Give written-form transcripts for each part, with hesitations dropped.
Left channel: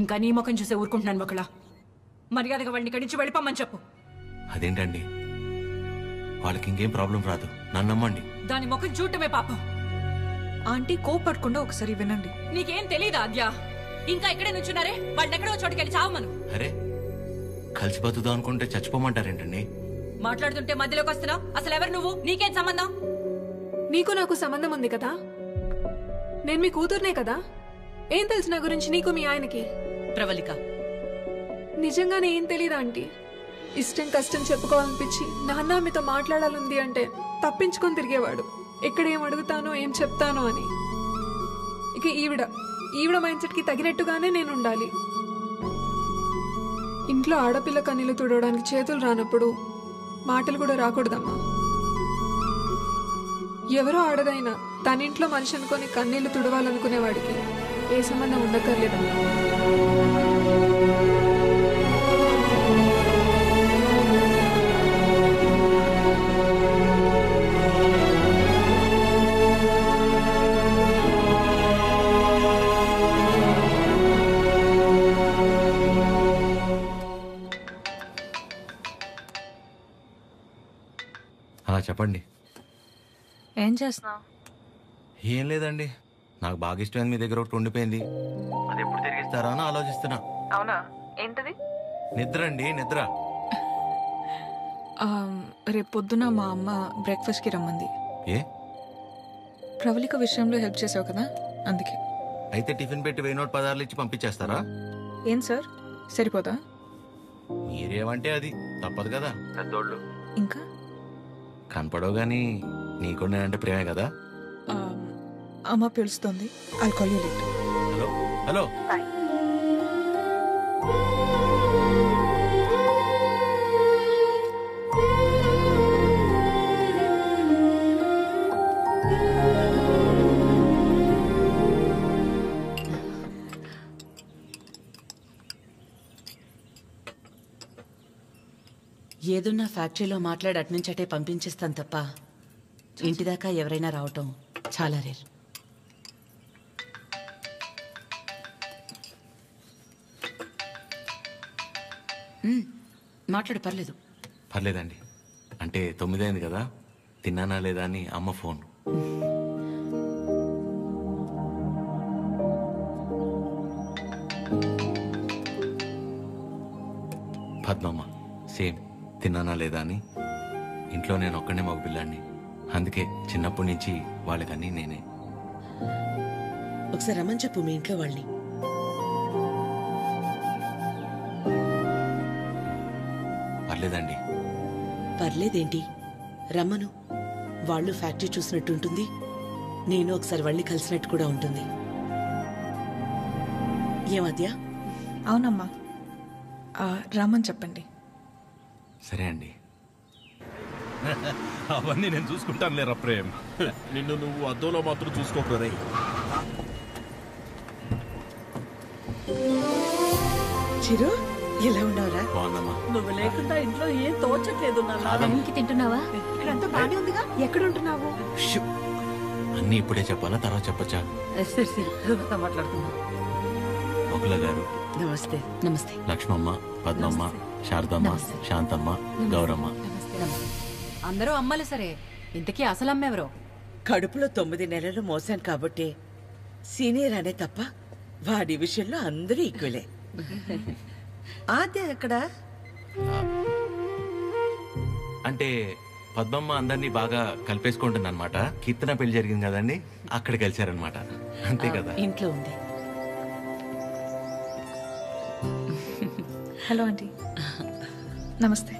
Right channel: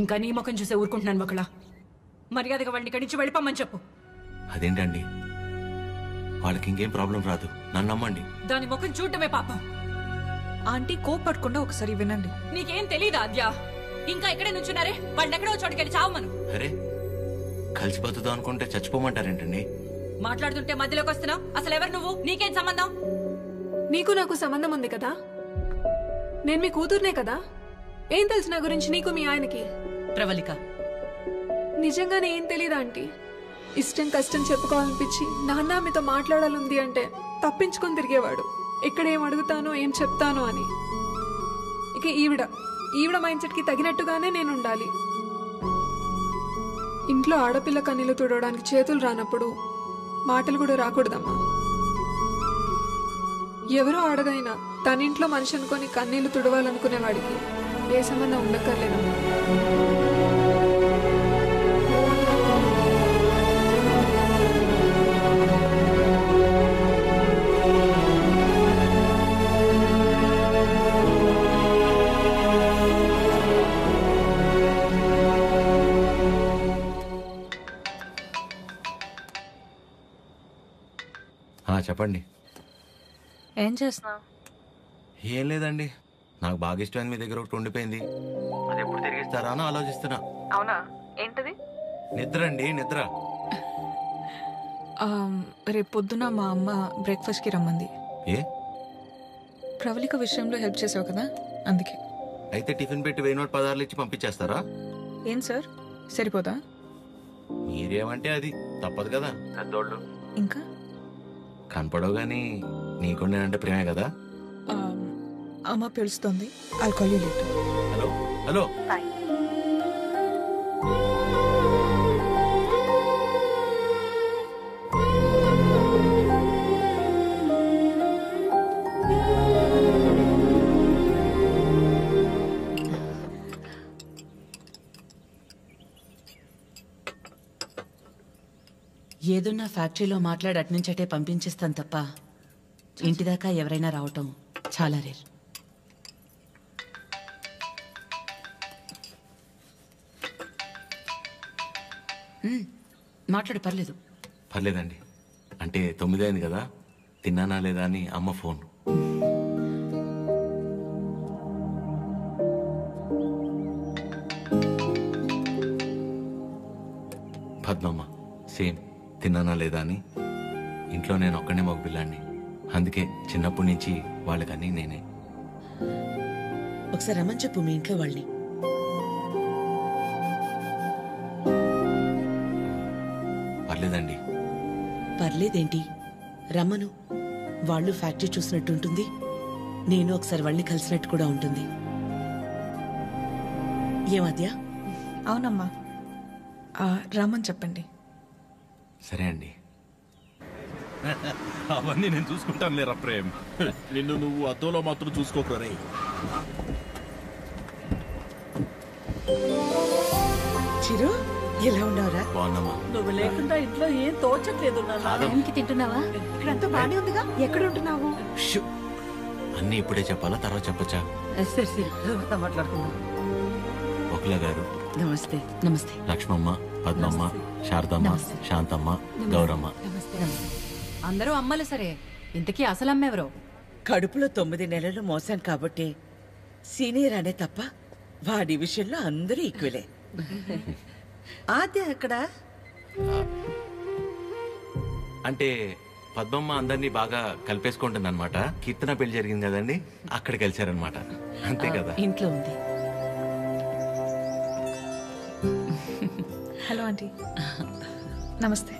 ఇంకా నీ ముఖం చూసే ఊరుకుంటున్నాను ఒకలా. మర్యాదగా వాళ్ళని ఇక్కడి నుంచి వెళ్ళిపోమని చెప్పు. అదేంటండి, వాళ్ళకి ఇంకేం ప్రాబ్లం రాదు, నన్ను నమ్మండి. దాని ముఖం చూడటమే పాపం. ఆంటీ కోపడకుండా ఒకసారి వినండి. నీకేం తెలీదా ఆద్య? ఇంకా ఇక్కడే నుంచున్నారే, వాళ్ళని ఎక్కడో చోటుకెళ్ళి చావమను. అరే, కలిసి బతుకుదాం అనుకుంటే చచ్చిపోమంటారేంటండి? మాట్లాడుతుంటే మధ్యలోకి వస్తున్నావు. అసలు ఎవరు నువ్వు? నీకేం సంబంధం? నీకు నాకు సంబంధం ఉంది కదా. నేను మీ కూతుర్నే కదా. ఏం తెలుసు నా గురించి నీకు మీ ఆయనకి? ప్రవళిక, నిజంగానే ఏం తెలీదా ఆంటీ? ఇష్టం కష్టం చెప్పుకోవాలనిపించి నాన్న మీతో మాట్లాడాలంది అంటే తప్పించుకొని తిరిగేవాడు. ఎక్కడ ఏం అడుగుతానో ఏం చెప్తానో అని. ఇక ఈవిడ మైండ్ సెట్కి తగినట్టుగానే నేను ఉండాలి. ఇంట్లో ఆడపిల్ల కన్నీళ్లు తుడవడానికి చేతులు రానప్పుడు మాటలు కూడా రాకూడదమ్మా. ఎవరో ఆడదైనా తన ఇంట్లో మనిషి అనుకొని కన్నీళ్లు తుడవాలనుకునేవాడికి ఏ సంబంధం ఉండక్కర్లేదమ్మా. చెప్పండి. ఏం చేస్తున్నావు? ఏం లేదండి, నాకు బాగా ఇష్టమైంది మీ దగ్గర ఒకటి ఉండిపోయింది. అది ఎప్పుడు తిరిగిస్తారా అని ఆలోచిస్తున్నా. అవునా? ఏంటది? నిద్ర అండి, నిద్ర. రేపు పొద్దున మా అమ్మ బ్రేక్ఫాస్ట్కి రమ్మంది. ఏ? ప్రవళిక విషయంలో హెల్ప్ చేసావు కదా, అందుకే. అయితే టిఫిన్ పెట్టి 1000 నోట్ పదార్లు ఇచ్చి పంపించేస్తారా? ఏం సార్, సరిపోదా? మీరేమంటే అది తప్పదు కదా, పెద్దోళ్ళు. ఇంకా కనపడవు కానీ నీకు నేనంటే ప్రేమే కదా. అమ్మ పిలుస్తుంది. I'll call you later. Hello hello. Bye. ఏదున్నా ఫ్యాక్టరీలో మాట్లాడి అట్నుంచటే పంపించేస్తాను తప్ప ఇంటిదాకా ఎవరైనా రావటం చాలా రేర్. మాట్లాడు, పర్లేదు. పర్లేదండి, అంటే 9 అయింది కదా, తిన్నానా లేదా అని అమ్మ ఫోన్. పద్మమ్మ సేమ్, తిన్నానా లేదా అని. ఇంట్లో నేను ఒక్కనే మగ పిల్లాడిని, అందుకే చిన్నప్పటి నుంచి వాళ్ళకన్నీ నేనే. ఒకసారి రమ్మని చెప్పు మీ ఇంట్లో వాళ్ళని. పర్లేదండి. పర్లేదేంటి, రమ్మను. వాళ్ళు ఫ్యాక్టరీ చూసినట్టు ఉంటుంది, నేను ఒకసారి వాళ్ళని కలిసినట్టు కూడా ఉంటుంది. ఏమద్యా? అవునమ్మా, రమ్మని చెప్పండి. సరే అండి. అవన్నీ నేను చూసుకుంటాను లేరా ప్రేమ్. నిన్ను నువ్వు అద్దంలో మాత్రం చూసుకోకరా రే. చిరు, ఎలా ఉన్నావురా? బాగున్నామా? నువ్వు లేకుండా ఇంట్లో ఏం తోచట్లేదు. తింటున్నావా? ఇక్కడంతా బానే ఉందిగా. ఎక్కడ ఉంటున్నావు? అన్నీ ఇప్పుడే చెప్పాలా, తర్వాత చెప్పచ్చా? మాట్లాడుకుందాం. ఒకల గారు నమస్తే. నమస్తే. లక్ష్మమ్మ, పద్మమ్మ, శారదమ్మ, శాంతమ్మ, గౌరమ్మ. అందరూ అమ్మలు సరే, ఇంతకీ అసలు అమ్మెవరో? కడుపులో 9 నెలలు మోసాను కాబట్టి సీనియర్ అనే తప్ప వాడి విషయంలో అందరూ ఈక్వలే. ఆద్య ఎక్కడ? అంటే పద్మమ్మ అందరినీ బాగా కలిపేసుకుంటుంది అనమాట. కీర్తన పెళ్లి జరిగింది కదండి, అక్కడ కలిశారనమాట. అంతే కదా? ఇంట్లో ఉంది. Hello aunty. నమస్తే.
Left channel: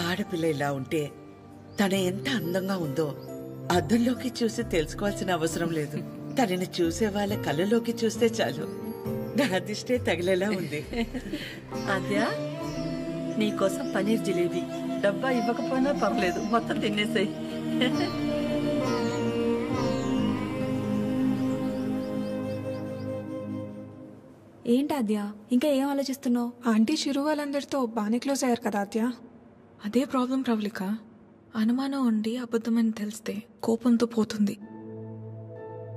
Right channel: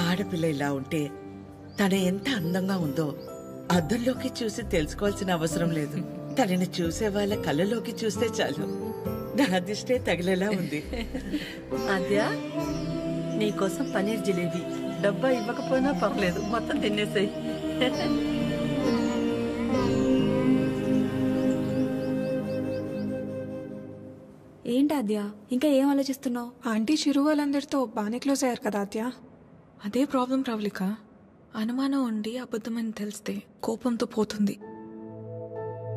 ఆడపిల్ల ఇలా ఉంటే తన ఎంత అందంగా ఉందో అద్దంలోకి చూసి తెలుసుకోవాల్సిన అవసరం లేదు. తనని చూసే వాళ్ళ కళ్ళలోకి చూస్తే చాలు నా దిష్టే తగిలేలా ఉంది. ఆద్య, నీకోసం పనీర్ జిలేబీ డబ్బా ఇవ్వకపోయినా పర్లేదు, మొత్తం తినేసాయి. ఏంటి ఆద్య, ఇంకా ఏం ఆలోచిస్తున్నావు? ఆంటీ చిరు వాళ్ళందరితో బాగానే క్లోజ్ అయ్యారు కదా ఆద్య. అదే ప్రాబ్లం ప్రవళిక. అనుమానం ఉండి అబద్ధమని తెలిస్తే కోపంతో పోతుంది.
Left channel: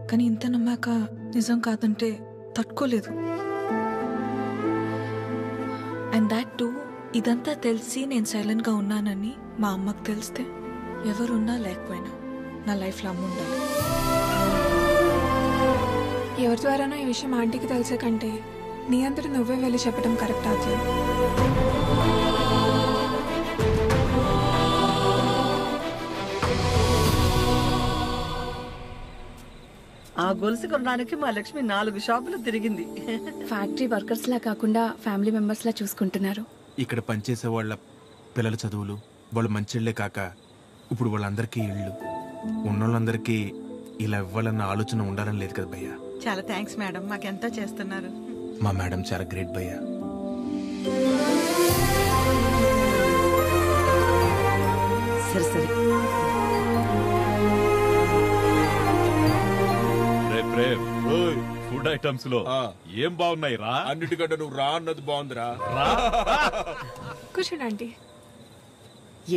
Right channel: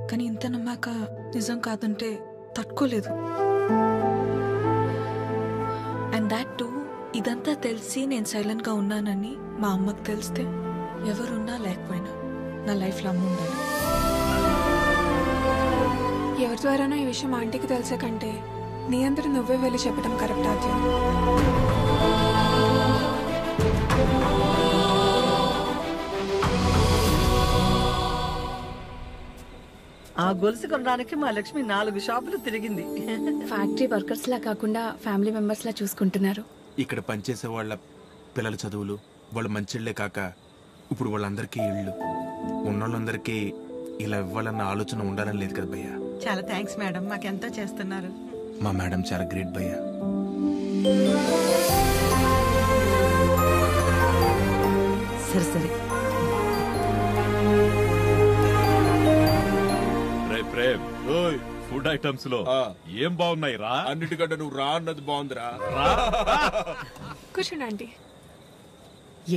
కానీ ఇంత నమ్మాక నిజం కాదంటే తట్టుకోలేదు. అండ్ దాట్ టూ, ఇదంతా తెలిసి నేను సైలెంట్గా ఉన్నానని మా అమ్మకు తెలిస్తే ఎవరున్నా లేకపోయినా నా లైఫ్లో అమ్మ ఉండాలి. ఎవరి ద్వారానో ఈ విషయం ఆంటీకి తెలిసే కంటే నీ అందరూ నువ్వే వెళ్ళి చెప్పడం కరెక్ట్ ఆద్య. ఆ గొలుసు కొనడానికి మా లక్ష్మి 4 షాపులు తిరిగింది. ఫ్యాక్టరీ వర్కర్స్ లా కాకుండా ఫ్యామిలీ మెంబర్స్ లా చూసుకుంటున్నారు. ఇక్కడ పనిచేసే వాళ్ళ పిల్లల చదువులు, వాళ్ళ మంచిళ్లే కాక ఇప్పుడు వాళ్ళందరికీ ఇళ్ళు ఉన్నోళ్ళందరికీ ఇలా ఇవ్వాలన్న ఆలోచన ఉండాలని లేదు కదా భయ్యా. చాలా థ్యాంక్స్ మేడం, మాకెంతో చేస్తున్నారు. మా మేడం చాలా గ్రేట్ భయ్యా. సరే సరే. ప్రేమ్, ఫుడ్ ఐటమ్స్ లో ఏం బాగున్నాయి రా? అన్నిటికంటే నువ్వు రా అన్నది బాగుందిరా. కూర్చోండి ఆంటీ.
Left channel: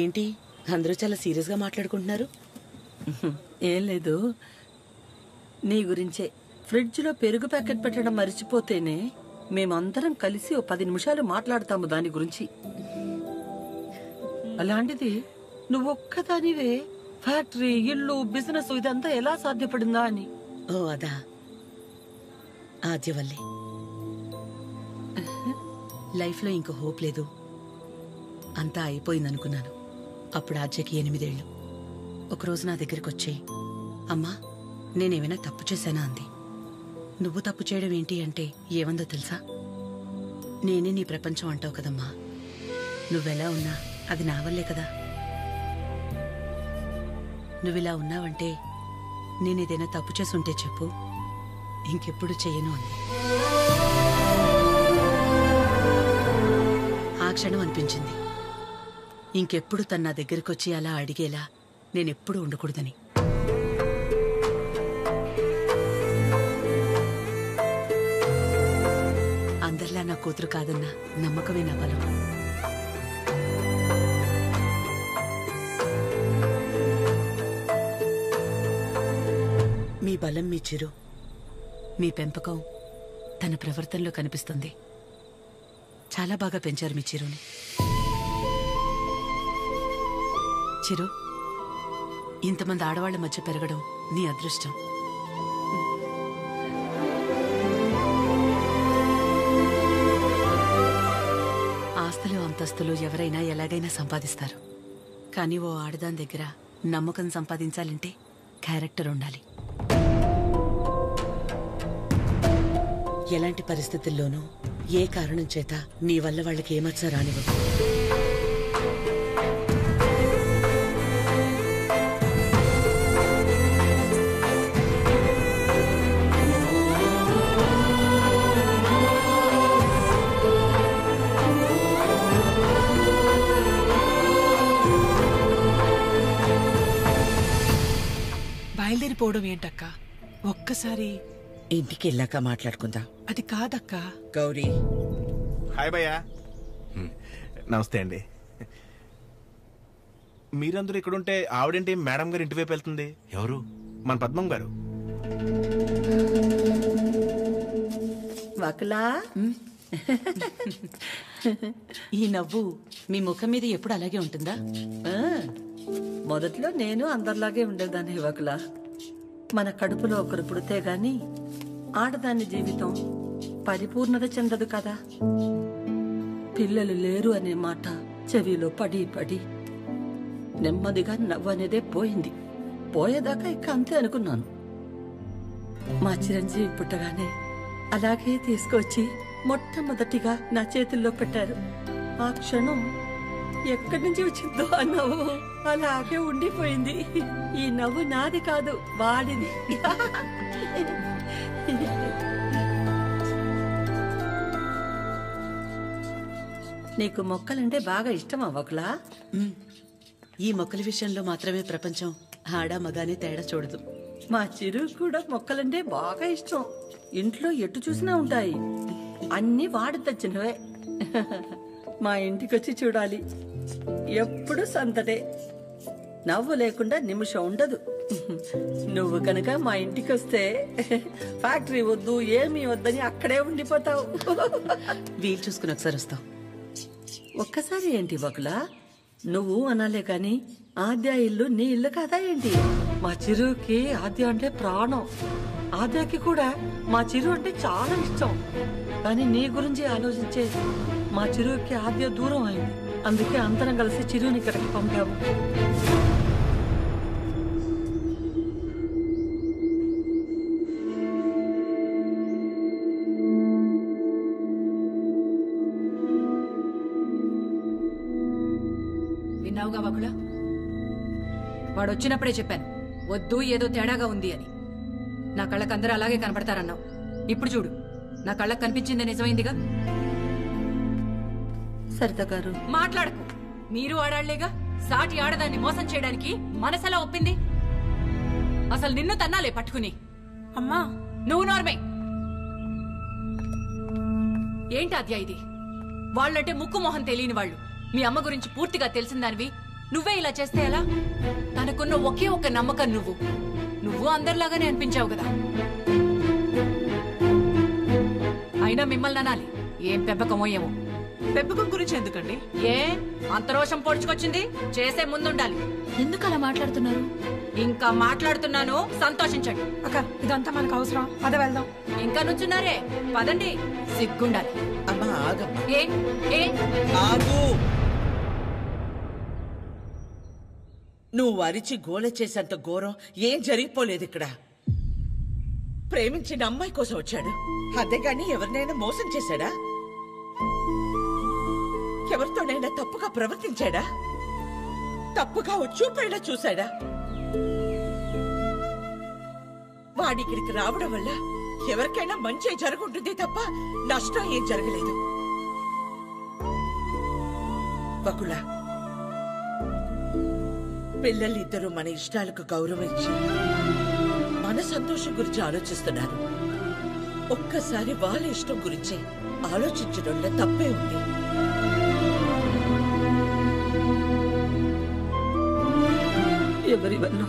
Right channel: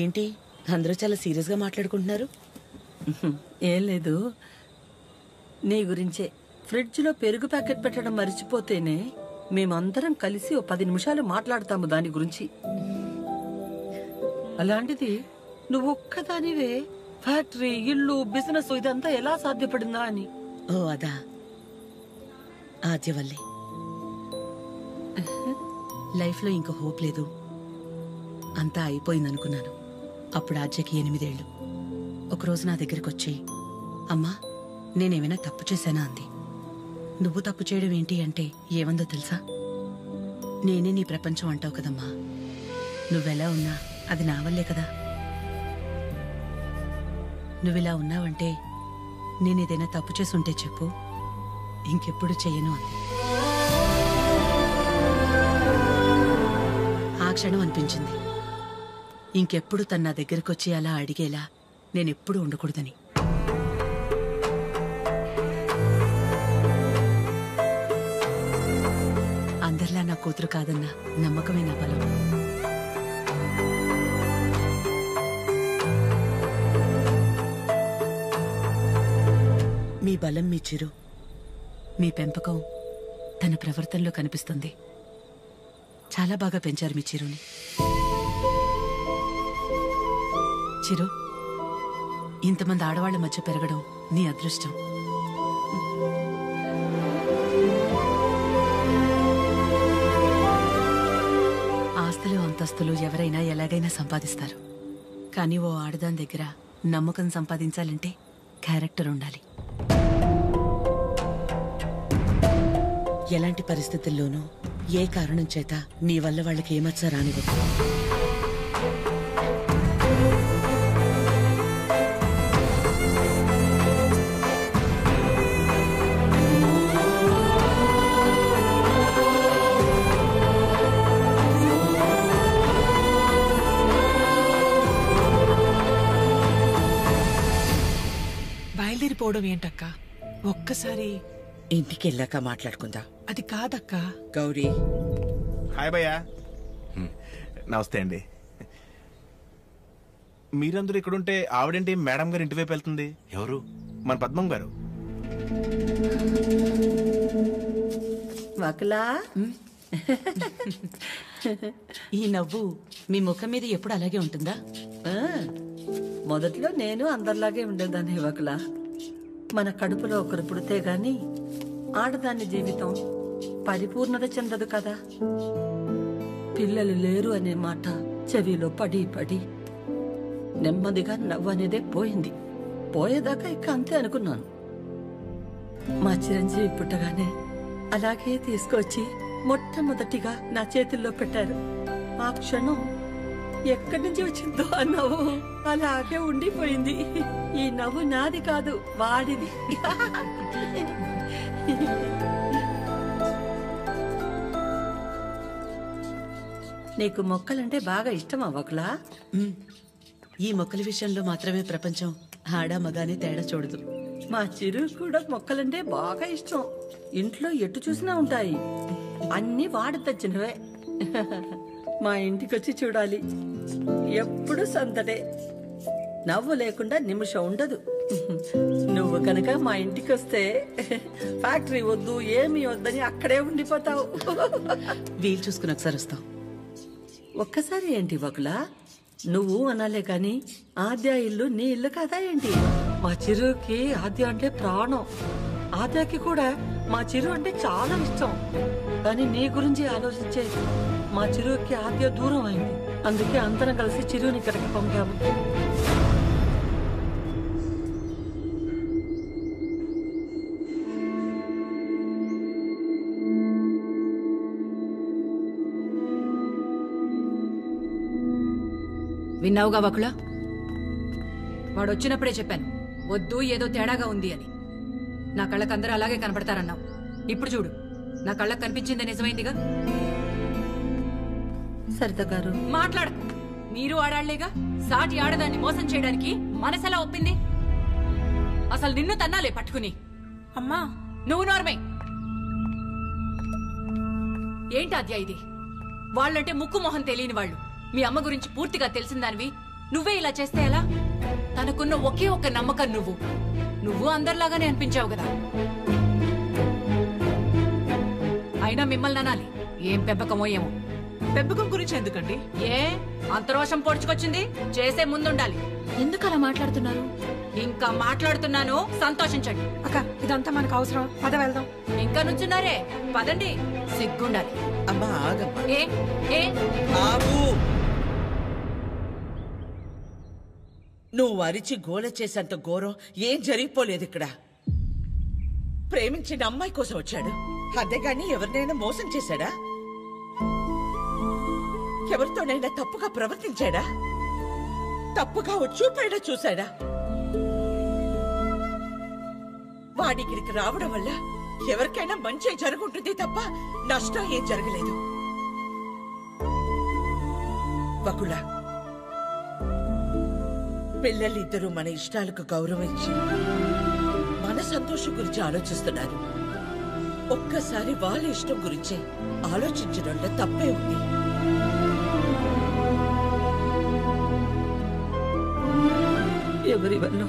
ఏంటి అందరూ చాలా సీరియస్గా మాట్లాడుకుంటున్నారు? ఏం లేదు, నీ గురించే. ఫ్రిడ్జ్లో పెరుగు ప్యాకెట్ పెట్టడం మర్చిపోతేనే మేమందరం కలిసి 10 నిమిషాలు మాట్లాడతాము దాని గురించి. అలాంటిది నువ్వు ఒక్కదానివే ఫ్యాక్టరీ, ఇల్లు, బిజినెస్ ఇదంతా ఎలా సాధ్యపడిందా అని. ఓ అదా, ఆద్య వల్లే. లైఫ్లో ఇంకో హోప్ లేదు, అంతా అయిపోయిందనుకున్నాను. అప్పుడు ఆద్యకి 8 ఏళ్ళు. ఒకరోజు నా దగ్గరికి వచ్చి, అమ్మా నేనేమైనా తప్పు చేశానా అంది. నువ్వు తప్పు చేయడం ఏంటి అంటే ఏమందో తెలుసా? నేనే నీ ప్రపంచం అంటావు కదమ్మా, నువ్వెలా ఉన్నా అది నా వల్లే కదా. నువ్విలా ఉన్నావంటే నేనేదైనా తప్పు చేసుంటే చెప్పు, ఇంకెప్పుడు చెయ్యను అంది. ఆ క్షణం అనిపించింది ఇంకెప్పుడు తన నా దగ్గరకొచ్చి అలా అడిగేలా నేనెప్పుడు ఉండకూడదని. అందరిలా నా కూతురు కాదన్న నమ్మకమే నా బలం. మీ బలం మీ చిరు, మీ పెంపకం తన ప్రవర్తనలో కనిపిస్తుంది. చాలా బాగా పెంచారు మీ చిరుని. చిరు, ఇంతమంది ఆడవాళ్ల మధ్య పెరగడం నీ అదృష్టం. ఆస్తులు అంతస్తులు ఎవరైనా ఎలాగైనా సంపాదిస్తారు, కానీ ఓ ఆడదాని దగ్గర నమ్మకం సంపాదించాలంటే క్యారెక్టర్ ఉండాలి. ఎలాంటి పరిస్థితుల్లోనూ ఏ కారణం చేత నీ వల్ల వాళ్ళకి ఏమచ్చ రానివ్వదు. బయలుదేరిపోవడం ఏంటక్క? ఒక్కసారి ఇంటికి వెళ్ళాక మాట్లాడుకుందా. అది కాదక్కా. గౌరీ, హాయ్ భయ్యా. నమస్తే అండి. మీరందరూ ఇక్కడుంటే ఆవిడేంటి మేడం గారు ఇంటివైపు వెళ్తుంది? ఎవరు? మన పద్మం గారు. వకలా, ఈ నవ్వు మీ ముఖం మీద ఎప్పుడు అలాగే ఉంటుందా? మొదట్లో నేను అందరిలాగే ఉండేదాన్ని వకలా. మన కడుపులో ఒకరు పుడితే గాని ఆడదాని జీవితం పరిపూర్ణత చెందదు కదా. పిల్లలు లేరు అనే మాట చెవిలో పడి పడి నెమ్మదిగా నవ్వు అనేదే పోయింది. పోయేదాకా ఇక అంతే అనుకున్నాను. మా చిరంజీవి పుట్టగానే అలాగే తీసుకొచ్చి మొట్టమొదటిగా నా చేతుల్లో పెట్టారు. ఆ క్షణం ఎక్కడి నుంచి వచ్చిందో ఆ నవ్వు అలాగే ఉండిపోయింది. ఈ నవ్వు నాది కాదు, వాడిది. నీకు మొక్కలంటే బాగా ఇష్టం అవ్వకులా? ఈ మొక్కల విషయంలో మాత్రమే ప్రపంచం ఆడా మగానే తేడా చూడదు. మా చిరు కూడా మొక్కలంటే బాగా ఇష్టం. ఇంట్లో ఎటు చూసినా ఉంటాయి. అన్నీ వాడి తెచ్చినవే. మా ఇంటికొచ్చి చూడాలి, ఎప్పుడు సందడే. నవ్వు లేకుండా నిమిషం ఉండదు. నువ్వు కనుక మా ఇంటికి వస్తే ఫ్యాక్టరీ వద్దు ఏమీ వద్దని అక్కడే ఉండిపోతావు. వీలు చూసుకుని ఒకసారి వస్తాం. ఒక్కసారి ఏంటి వకులా, నువ్వు అనాలే కాని ఆద్య ఇల్లు నీ ఇల్లు కదా ఏంటి? మా చిరుకి ఆద్య అంటే ప్రాణం. ఆద్యకి కూడా మా చిరు అంటే చాలా ఇష్టం. కానీ నీ గురించి ఆలోచించే మా చిరుకి ఆద్య దూరం అయింది. అందుకే అందరం కలిసి చిరుని ఇక్కడికి పంపాము. విన్నావుగా వకులా, వాడు వచ్చినప్పుడే చెప్పాను వద్దు, ఏదో తేడాగా ఉంది అని. నా కళ్ళకు అందరూ అలాగే కనపడతారన్నావు. ఇప్పుడు చూడు, నా కళ్ళకు కనిపించింది నిజమైందిగా. సరిత గారు మాట్లాడకు. మీరు ఆడాళ్లేగా. సాటి ఆడదాన్ని మోసం చేయడానికి మనసెలా ఒప్పింది? అసలు నిన్ను తన్నాలే పట్టుకుని. అమ్మా, నువ్వు నోర్మే. ఏంటి అద్యా ఇది? వాళ్ళంటే ముక్కు మొహం తెలియని వాళ్ళు. మీ అమ్మ గురించి పూర్తిగా తెలిసిందానివి నువ్వే ఇలా చేస్తే ఎలా? తనకున్న ఒకే ఒక్క నమ్మకం నువ్వు అందరిలాగానే అనిపించావు కదా. అయినా మిమ్మల్ని అనాలి. ఏం పెంపకమో ఏమో. పెంపకం గురించి ఎందుకండి? ఏ అంత రోషం పొడుచుకొచ్చింది? చేసే ముందుండాలి. ఎందుకు అలా మాట్లాడుతున్నారు? ఇంకా మాట్లాడుతున్నాను, సంతోషించండి. అక్క, ఇదంతా మనకు అవసరం. పద వెళ్దాం. ఇంకా నుంచున్నారే, పదండి. సిగ్గుండాలి. అమ్మా ఆగమ్మా. ఏ ఏ ఆగు. నువ్వు అరిచి గోల చేసేంత ఘోరం ఏం జరిగిపోలేదు ఇక్కడ. ప్రేమించిన అమ్మాయి కోసం వచ్చాడు, అంతేగాని ఎవరినైనా మోసం చేశాడా? ఎవరితోనైనా తప్పుగా ప్రవర్తించాడా? తప్పుగా చూపైనా చూశాడా? వాడిక్కడికి రావడం వల్ల ఎవరికైనా మంచి జరుగుంటుంది తప్ప నష్టం ఏం జరగలేదు. వకులా, పిల్లలిద్దరూ మన ఇష్టాలకు గౌరవం ఇచ్చి మన సంతోషం గురించి ఆలోచిస్తున్నారు. ఒక్కసారి వాళ్ళ ఇష్టం గురించే ఆలోచించడంలో తప్పే ఉంది. ఎవరి వల్ల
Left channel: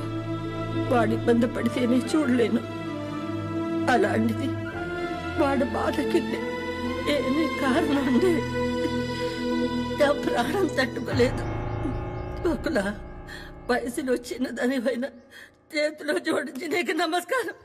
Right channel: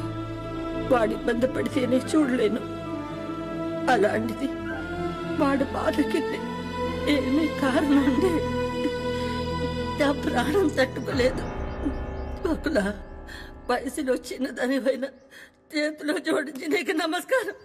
వాడి ఇబ్బంది పడితేనే చూడలేను. అలాంటిది వాడు బాధకి ఏమీ కారణం ఉండే నా ప్రాణం తట్టుకోలేదు. బకులా, వయసులో చిన్నదానివైనా చేతిలో జోడించి నీకు నమస్కారం.